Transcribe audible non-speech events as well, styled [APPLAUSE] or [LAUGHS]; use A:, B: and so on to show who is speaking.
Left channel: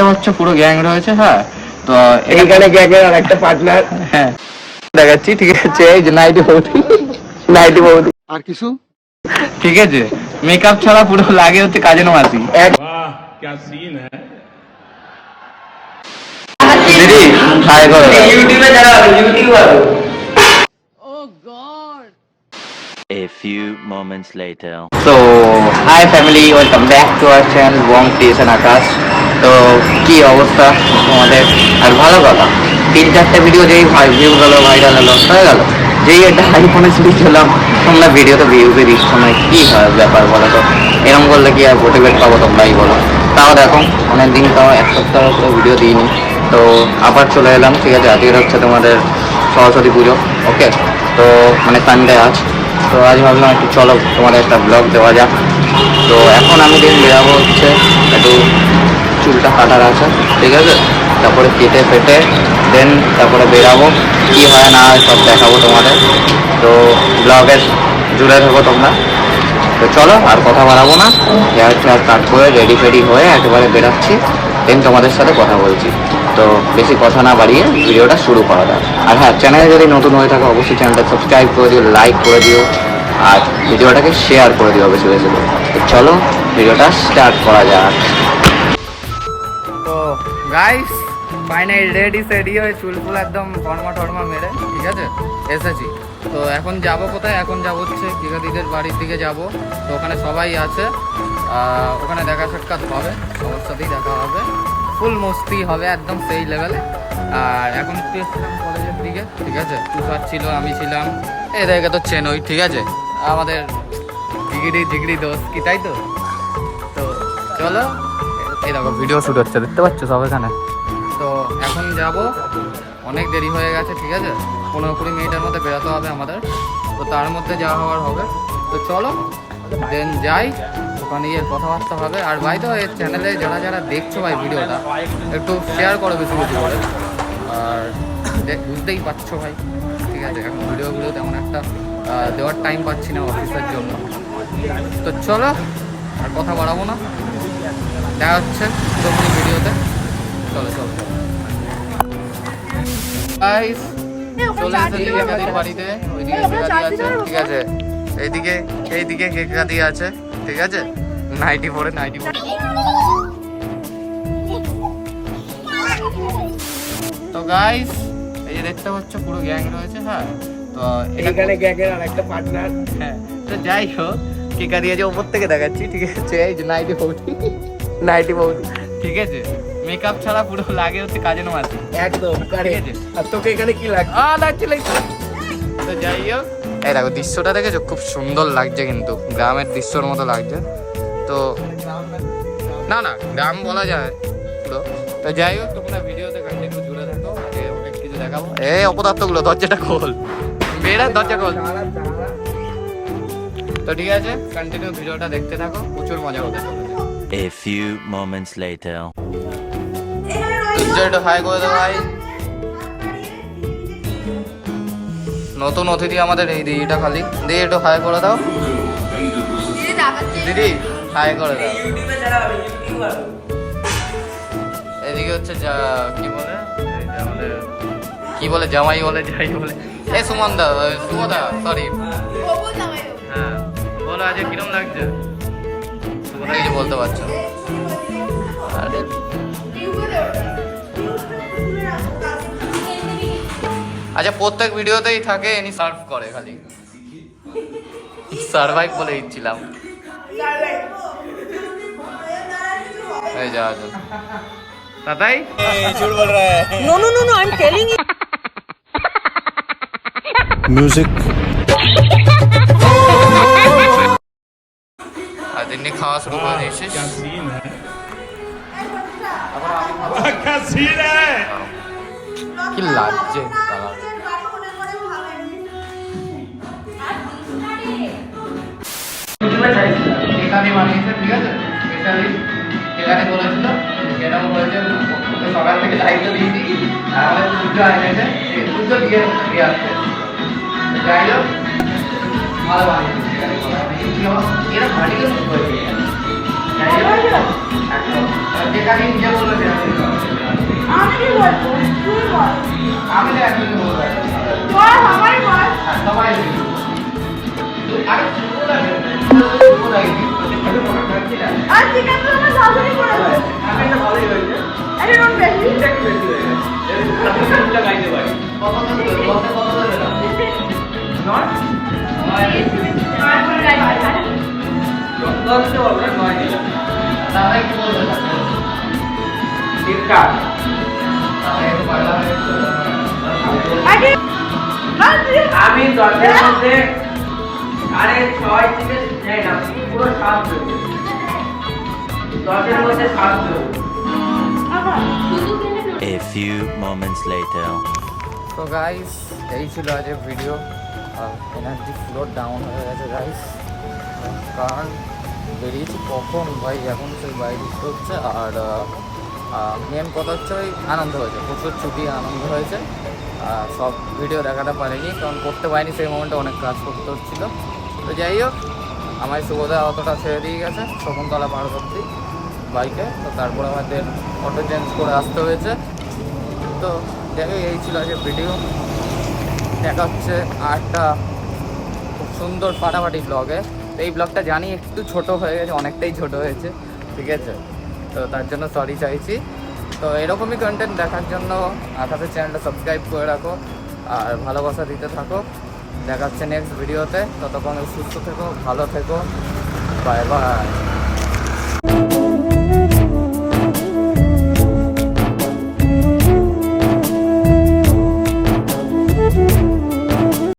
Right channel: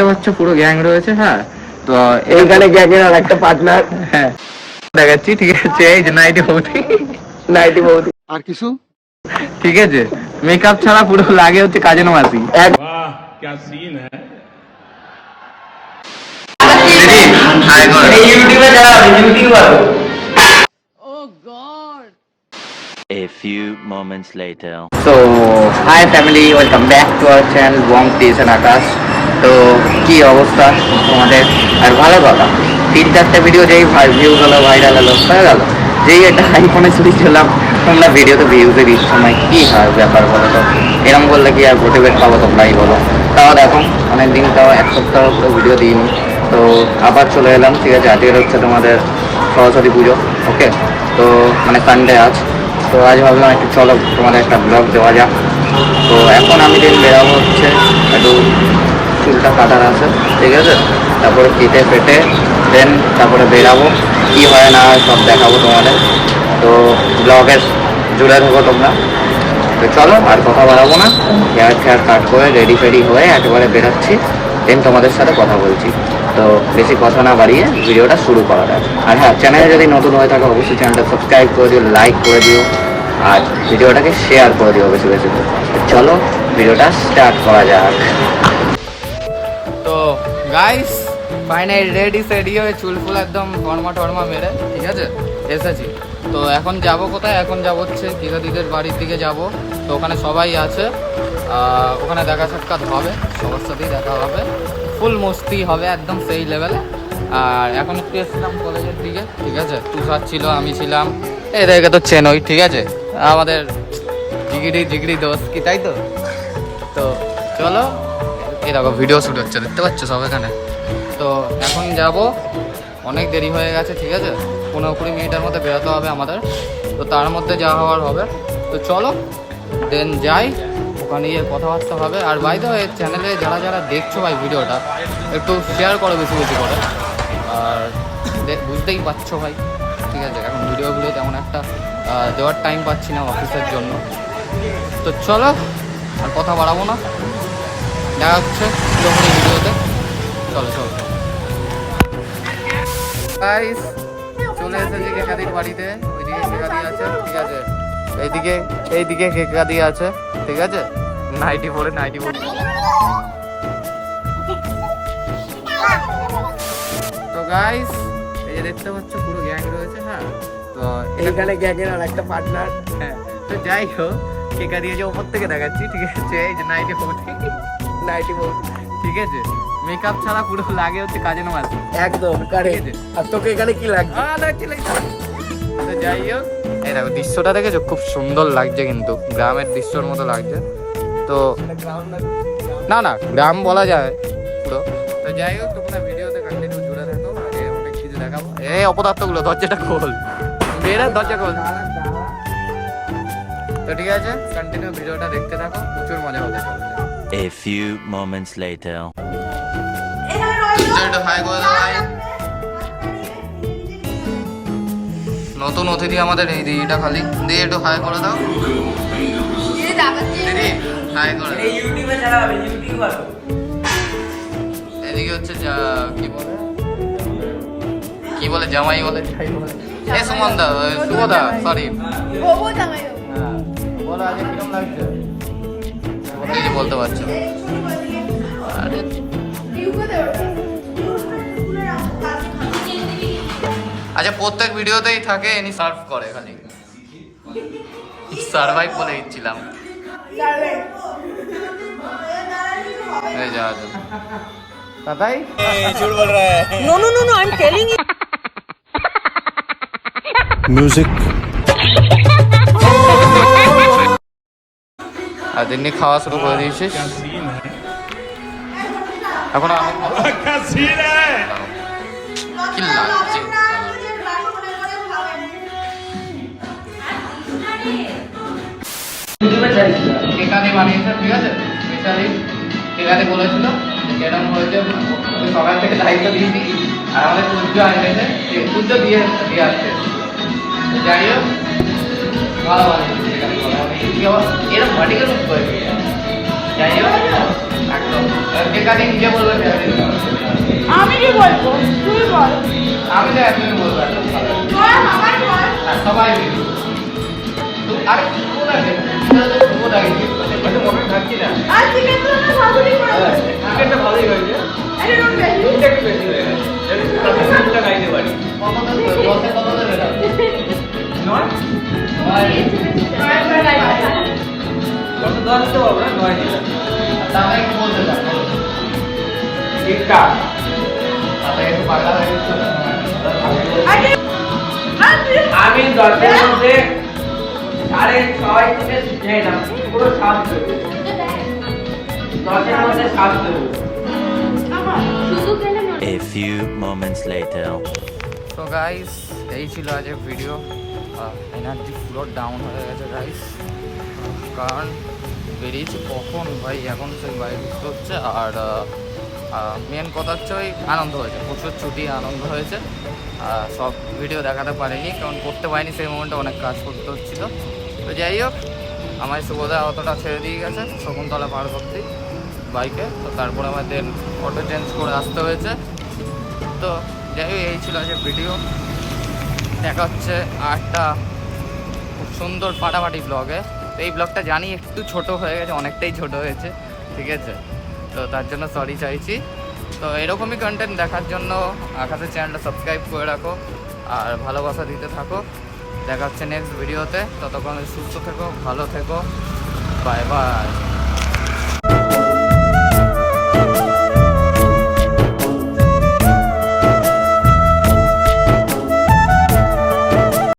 A: দেখতে পাচ্ছ পুরো গ্যাং রয়েছে হ্যাঁ? তো
B: এইখানে গ্যাং এর একটা পার্টনার
A: হ্যাঁ দেখাচ্ছি ঠিক আছে এই যে নাইটি বৌদি।
B: নাইটি বৌদি।
C: আর কিছু?
A: ঠিক আছে মেকআপ ছাড়া পুরো লাগে হচ্ছে কাজে
D: নামাজি
A: দিদি হাই করো ইউটিউবে যাও back to our channel তো কি অবস্থা তোমাদের? আর ভালো কথা, তিন চারটে ভিডিও যেই ভিউ হলো ভাইরাল হলো, হয়ে গেলো। যেই একটা আইফোনে ছুটি ছিলাম তোমরা ভিডিওতে ভিউজে দিচ্ছ না, কি হয় ব্যাপার বলো তো? এরকম বললে কি আর মোটিভেট পাবো তোমরাই বলো। তাও দেখো অনেক দিন তাও এক সপ্তাহ করে ভিডিও দিইনি। তো আবার চলে এলাম, ঠিক আছে? আজকের হচ্ছে তোমাদের সরস্বতী পুজো ওকে তো মানে সানডে আজ। তো আজ ভাবলাম একটু চলো, তোমাদের একটা ব্লগ দেওয়া যাক। তো এখন আমি দিন বেরাবো হচ্ছে একটু চুলটা কাটার আছে, ঠিক আছে? তারপরে কেটে ফেটে দেন তারপরে বেরাবো। কি হয় না হয় সব দেখাবো তোমাদের। তো ব্লগে জুড়ে থাকো তোমরা। তো চলো, আর কথা বাড়াবো না। হেয়ার ফেয়ার কাট করে রেডি ফেডি হয়ে একেবারে বেরাচ্ছি। দেন তোমাদের সাথে কথা বলছি। তো বেশি কথা না বাড়িয়ে ভিডিওটা শুরু করা যাক। আর হ্যাঁ চ্যানেলে যদি নতুন হয়ে থাকে, অবশ্যই চ্যানেলটা সাবস্ক্রাইব করে দিও লাইক করে দিও, আর ভিডিওটাকে শেয়ার করে দিও বেশি বেশি করে। চলো, ভিডিওটা স্টার্ট করা যাক। তো গাইস ফাইনাল রেডি সেডি হয়ে চুল ফুল একদম টর্মা টর্মা মেরে, ঠিক আছে? এসেছি। তো এখন যাব কোথায়? এখন যাব হচ্ছে দিদিদের বাড়ির দিকে যাব। তো ওখানে সবাই আছে। ওখানে দেখা সাক্ষাৎ হবে। সবার সাথেই দেখা হবে। ফুল মস্তি হবে একদম সেই লেভেলে আর এখন একটু এসেছিলাম কলেজের দিকে, ঠিক আছে? তুষার ছিল, আমি ছিলাম। এদেরকে তো চেনই, ঠিক আছে? আমাদের জিগিরি জিগিরি দোষ কি, তাই তো? তো চলো। এই দেখো ভিডিও শ্যুট হচ্ছে, দেখতে পাচ্ছ সব এখানে? তো এখন যাব, অনেক দেরি হয়ে গেছে, ঠিক আছে? পনেরো কুড়ি মিনিটের মধ্যে বেরোতে হবে আমাদের। তো তার মধ্যে যা হওয়ার হবে। তো চলো দেন যাই, ওখানে গিয়ে কথাবার্তা হবে। আর বাই তো এই চ্যানেলে যারা যারা দেখছ ভাই ভিডিওটা, একটু শেয়ার করো বেশি বেশি করে। আর বুঝতেই পারছ ভাই, ঠিক আছে? এখন ভিডিওগুলো তেমন একটা দেওয়ার টাইম পাচ্ছি না অফিসের জন্য। তো চলো, আর কথা বাড়াবো না। দেখা হচ্ছে পুরোপুরি ভিডিওতে। চলো চলো চলো। গাইস চলে এসেছি কেকাদির বাড়িতে। ওইদিকে কেকাদি আছে ঠিক আছে? এইদিকে এইদিকে কেকাদি আছে ঠিক আছে? নাইটি পরে নাইটি পরে তো গাইস এই যে দেখতে পাচ্ছ পুরো গ্যাং রয়েছে হ্যাঁ? তো
B: আর একটা পার্টনার
A: হ্যাঁ তো যাই হোক দিয়ে যে ওপর থেকে দেখাচ্ছি ঠিক আছে? এই যে নাইটি বৌদি
B: নাইটি বৌদি
A: ঠিক আছে? মেকআপ ছাড়া পুরো লাগে হচ্ছে কাজে মাসি
B: একদম
A: ঠিক আছে।
B: আর তোকে এখানে কি লাগছে
A: তো যাই হোক। এই দেখো দৃশ্যটা দেখেছ? খুব সুন্দর লাগছে কিন্তু। গ্রামের দৃশ্যর মতো লাগছে। তো না না গ্রাম বলা যায় পুরো। তো যাই হোক তোমরা ভিডিওতে কন্টিনিউ জুড়ে থাকো। আগে অনেক কিছু দেখাবো। এই অপদার্থগুলো দরজাটা খোল। বেরা দরজা খোল। তো ঠিক আছে কন্টিনিউ ভিডিওটা দেখতে থাকো। প্রচুর মজা হতে চলেছে।
E: A few moments later.
A: একটু হাই করে দাও ভাই। নতুন অতিথি আমাদের এই দিদিটা খালি। দিয়ে একটু হাই করে দাও। দিদি হাই করে দাও। এদিকে হচ্ছে যা কি বলে? এই আমাদের কি বলে জামাই বলে যাই বলে। এ সুমন দা সুমদা সরি হ্যাঁ। বলো আজ কিরম লাগছে? সুমদা কিছু বলতে পারছ? আরে। আচ্ছা প্রত্যেক ভিডিওতেই থাকে এনি সার্ভ করে খালি। সার্ভাইভ বলে দিচ্ছিলাম। এই যা যা। Tatai
F: No, no, no, no, I'm telling you.
A: আর এমনি খাওয়া শুরু করে
D: দিয়েছে
A: কি লাগছে? ঠিক আছে? যেরকম বলেছে সকাল থেকে দিয়েছি। আর দিয়ে যাই হোক ভালো বানিয়েছে এখানে ভালো বানিয়েছে। এরকম ভাটিকে মুখ করে দিয়ে যাই হোক একদম। যেখানে নিজে বলবে।
C: আমি কি বলব? তুই বল।
A: আমি তো একদমই বলব একদম
C: সবাই বল
A: আর সবাই মিলে। আরে শুভ লাগে আমি তো মনে থাকছি না।
C: আর চিকেন তো আমার ভালোই করেছে।
A: চিকেনটা ভালোই হয়েছে।
C: এটা নুন বেশি।
A: তিনটা কি বেশি হয়ে গেছে? আমি গাইতে পারি। [LAUGHS] কত কত না নয়? যত দশ দিতে পারব না নয় দিলাম দাদা কি বলতে পারব। তিনটা আমি দশের মধ্যে আরে ছয় থেকে যাই না পুরো সাত দেবে। দশের মধ্যে সাত দেবে।
E: A few moments later.
A: তো গাইস এই ছিল আজকের ভিডিও এনার্জি পুরো ডাউন হয়ে গেছে গাইস কারণ বেরিয়েছি? কখন ভাই? এখন সেই বাইরে ঢুকতে হচ্ছে। আর মেন কথা হচ্ছে ওই আনন্দ হয়েছে। প্রচুর ছুটি, আনন্দ হয়েছে। আর সব ভিডিও দেখাতে পারিনি, কারণ করতে পারিনি, সেই মোমেন্টে অনেক কাজ করতে হচ্ছিল। তো যাই হোক আমার সুবোধা অতটা ছেড়ে দিয়ে গেছে, শকুন্তলা পার্ক অব্দি বাইকে। তো তারপর আমাদের অটো চেঞ্জ করে আসতে হয়েছে। তো যাই হোক, এই ছিল আজকের ভিডিও দেখা হচ্ছে আটটা খুব সুন্দর ফাটাফাটি ব্লগে তো এই ব্লগটা জানি একটু ছোট হয়ে গেছে, অনেকটাই ছোট হয়েছে, ঠিক আছে? তো তার জন্য সরি চাইছি। তো এরকমই কন্টেন্ট দেখার জন্য আকাশের চ্যানেলটা সাবস্ক্রাইব করে রাখো আর ভালোবাসা দিতে থাকো। দেখা হচ্ছে নেক্সট ভিডিওতে ততক্ষণ সুস্থ থেকো, ভালো থেকো। Bye bye